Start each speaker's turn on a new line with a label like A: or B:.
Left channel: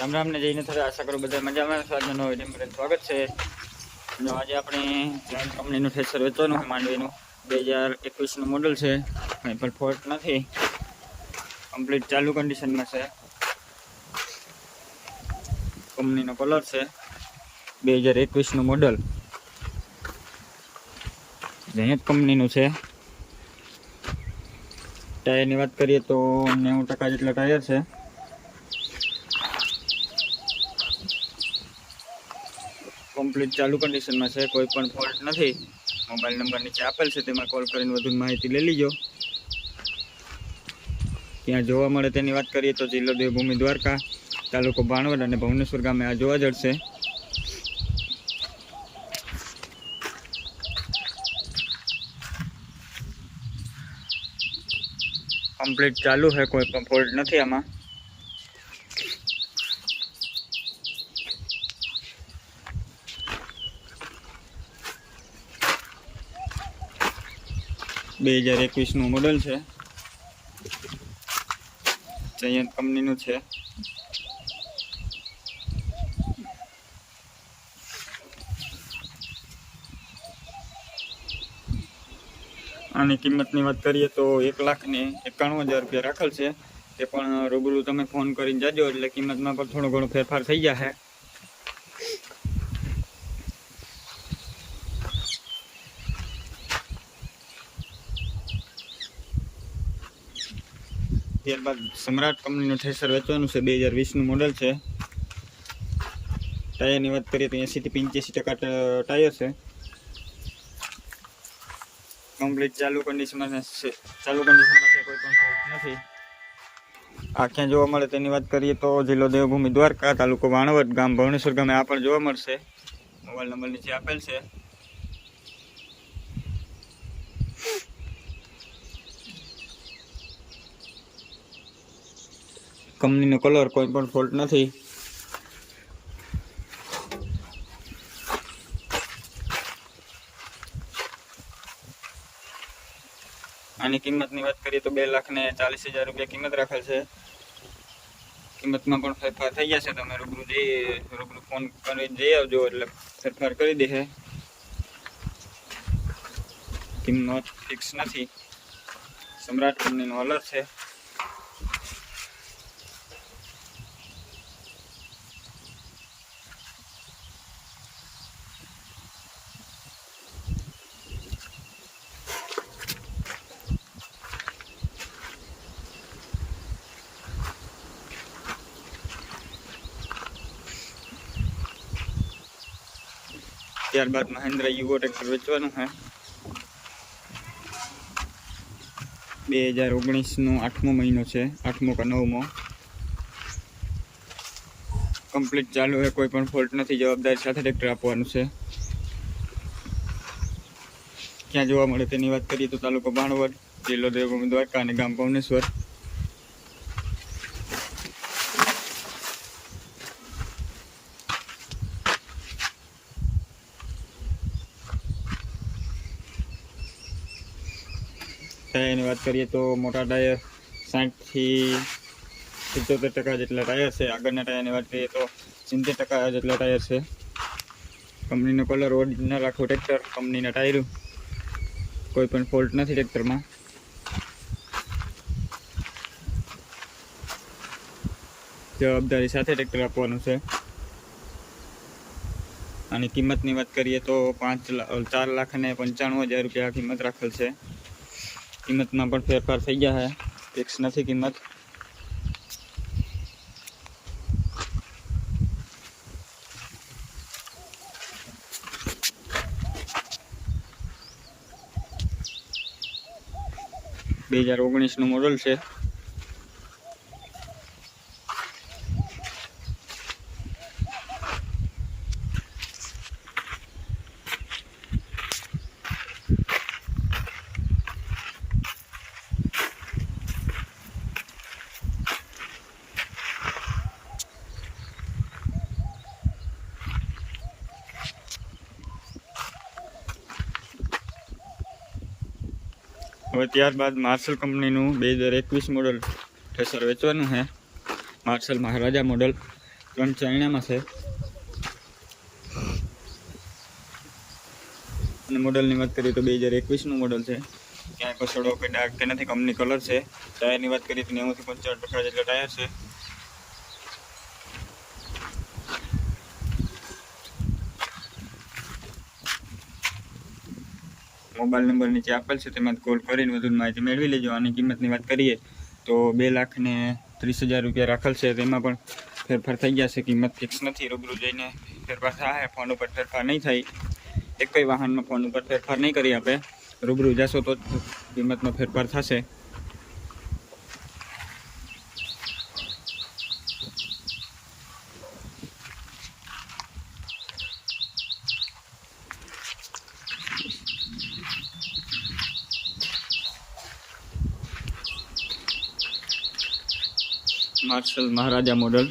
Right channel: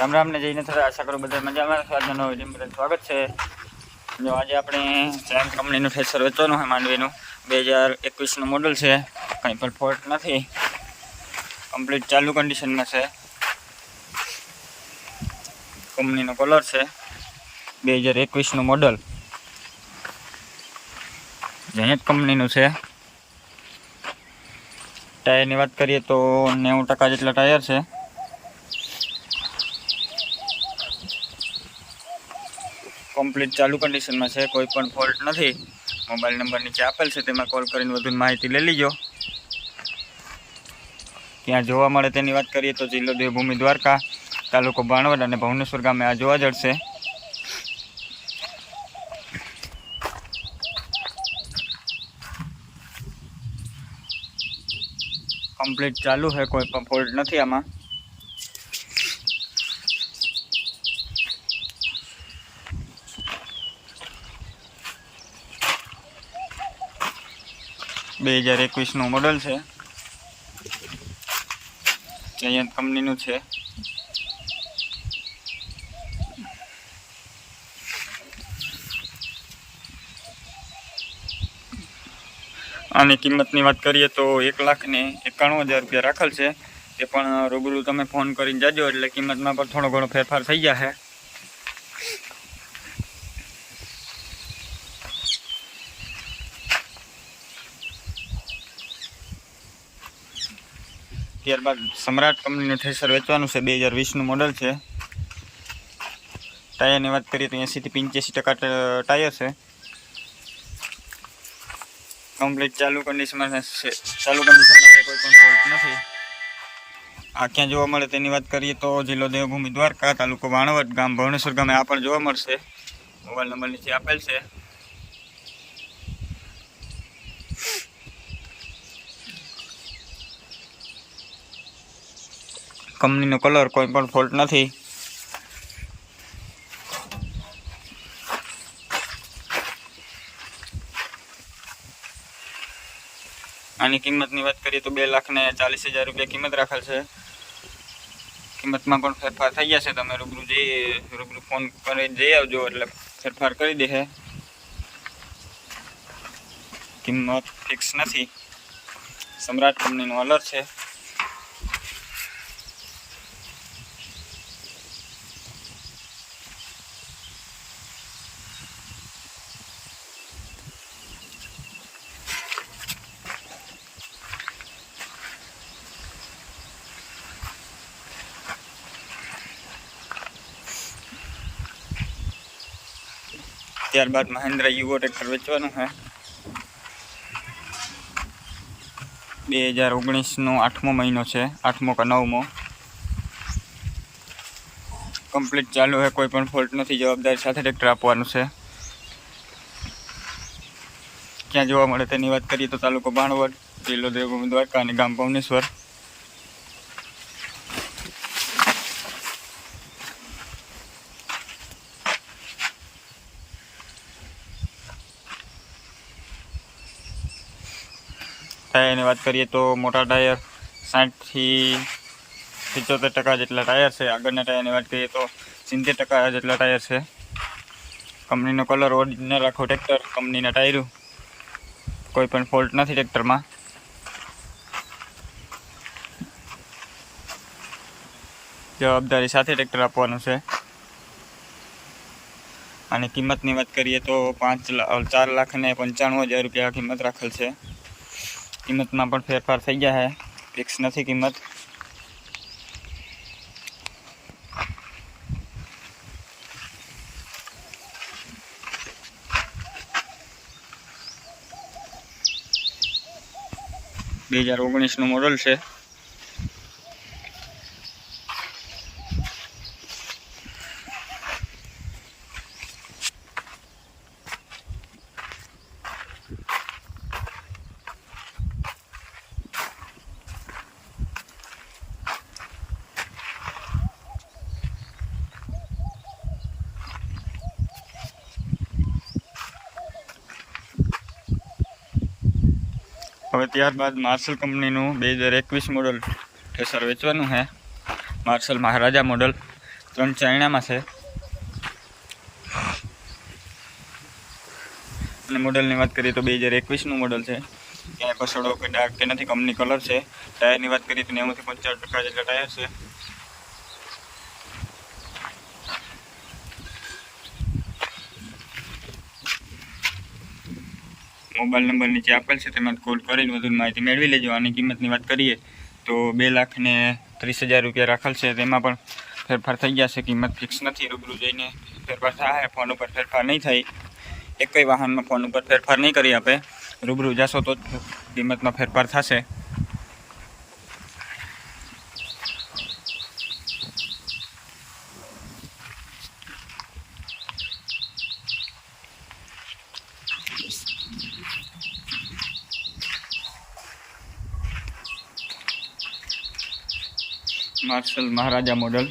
A: રામ રામને જઈને થતા આશા કરું બધા મજામાં. આજનો નવો વીડિયો સ્વાગત છે. જો આજે આપણે જયંત કંપનીનું થ્રેસર વેચવાનું છે માંડવીનું. બે હજાર એકવીસનું મોડલ છે. કંઈ પણ ફોલ્ટ નથી. કમ્પ્લીટ ચાલુ કન્ડિશનમાં છે. કંપનીનો કલર છે. બે હજાર એકવીસનું મોડલ. જયંત કંપનીનું છે. ટાયરની વાત કરીએ તો નેવું ટકા જેટલા ટાયર છે. કમ્પ્લીટ ચાલુ કન્ડિશનમાં છે, કોઈ પણ ફોલ્ટ નથી. મોબાઈલ નંબર નીચે આપેલ છે, તેમાં કોલ કરીને વધુ માહિતી લઈ લીજો. ત્યાં જોવા મળે તેની વાત કરીએ તો જિલ્લો દેવભૂમિ દ્વારકા, તાલુકો બાણવડ અને ભુવનેશ્વર ગામે આ જોવા જડશે. કમ્પ્લીટ ચાલુ છે, કોઈ પણ ફોલ્ટ નથી આમાં. બે હજાર એકવીસનું મોડલ છે. જયંત કંપનીનું છે. આની કિંમતની વાત કરીએ તો એક લાખ ને એકાણું હજાર રૂપિયા રાખેલ છે. તે પણ રૂબરૂ તમે ફોન કરીને જાજો એટલે કિંમતમાં પણ થોડો ઘણો ફેરફાર થઈ જશે ત્યારબાદ સમ્રાટ કંપનીનું થ્રેસર વેચવાનું છે, બે હજાર વીસનું મોડલ છે. ટાયરની વાત કરીએ તો એંસીથી પંચ્યાસી ટકા ટાયર છે. કમ્પ્લીટ ચાલુ કન્ડિશનમાં ચાલુ કન્ડિશનમાં કોઈ પણ ફોલ્ટ નથી. આ ક્યાં જોવા મળે તેની વાત કરીએ તો જિલ્લો દેવભૂમિ દ્વારકા, તાલુકો વાણવટ ગામ, ભવનેશ્વર ગામે આ પણ જોવા મળશે. મોબાઈલ નંબર નીચે આપેલ છે. કંપનીનો કલર કોઈ પણ ફોલ્ટ નથી. આની કિંમતની વાત કરીએ તો બે લાખ ને ચાલીસ હજાર રૂપિયા કિંમત રાખેલ છે. કિંમતમાં પણ ફેરફાર થઈ જશે તમે રૂબરૂ જઈ, રૂબરૂ ફોન કરી જઈ આવજો એટલે ફેરફાર કરી દેશે. કિંમત ફિક્સ નથી. સમ્રાટ કંપનીનો અલર છે. ત્યારબાદ મહેન્દ્ર યુવો ટ્રેક્ટર વેચવાનું છે. બે હજાર ઓગણીસનો આઠમો મહિનો છે, આઠમો કે નવમો. કમ્પ્લીટ ચાલુ છે, કોઈ પણ ફોલ્ટ નથી, જવાબદારી સાથે ટ્રેક્ટર આપવાનું છે. ક્યાં જોવા મળે તેની વાત કરીએ તો તાલુકો ભાણવડ, જિલ્લો દેવભૂમિ દ્વારકા અને ગામ ભુવનેશ્વર. ટાયરની વાત કરીએ તો મોટા ટાયર સાઠથી સિત્તોતેર ટકા જેટલા ટાયર છે. આગળના ટાયરની વાત કરીએ તો સિત્તેર ટકા જેટલા ટાયર છે. કંપનીનો કલર ઓરિજિનલ આખો ટ્રેક્ટર, કંપનીના ટાયરો. કોઈ પણ ફોલ્ટ નથી ટ્રેક્ટરમાં. જવાબદારી સાથે ટ્રેક્ટર આપવાનું છે. અને કિંમતની વાત કરીએ તો પાંચ ચાર લાખ ને પંચાણું હજાર રૂપિયા કિંમત રાખેલ છે. કિંમતમાં પણ ફેરફાર થઈ ગયા છે ફિક્સ નથી કિંમત બે હજાર ઓગણીસનું મોડલ છે। હવે ત્યારબાદ માર્શલ કંપનીનું બે હજાર એકવીસ મોડલ થ્રેસર વેચવાનું છે. માર્શલ મહારાજા મોડલ ત્રણ ચાઇનામાં છે. અને મોડલની વાત કરીએ તો બે હજાર એકવીસનું મોડલ છે. ક્યાંય પસડો કે ડાર્ક કે નથી, કંપની કલર છે. ટાયરની વાત કરીએ તો નેવુંથી પંચાવન ટકા જેટલા ટાયર છે. મોબાઈલ નંબર નીચે આપેલ છે તેમાં કોલ કરીને વધુ માહિતી મેળવી લેજો. આની કિંમતની વાત કરીએ તો બે લાખને ત્રીસ હજાર રૂપિયા રાખેલ છે. તેમાં પણ ફેરફાર થઈ ગયા છે. કિંમત ફિક્સ નથી. રૂબરૂ જઈને ફેરફાર થાય. ફોન ઉપર ફેરફાર નહીં થાય. એકય વાહનમાં ફોન ઉપર ફેરફાર નહીં કરી આપે. રૂબરૂ જશો તો કિંમતમાં ફેરફાર થશે. Marshal Maharaja model.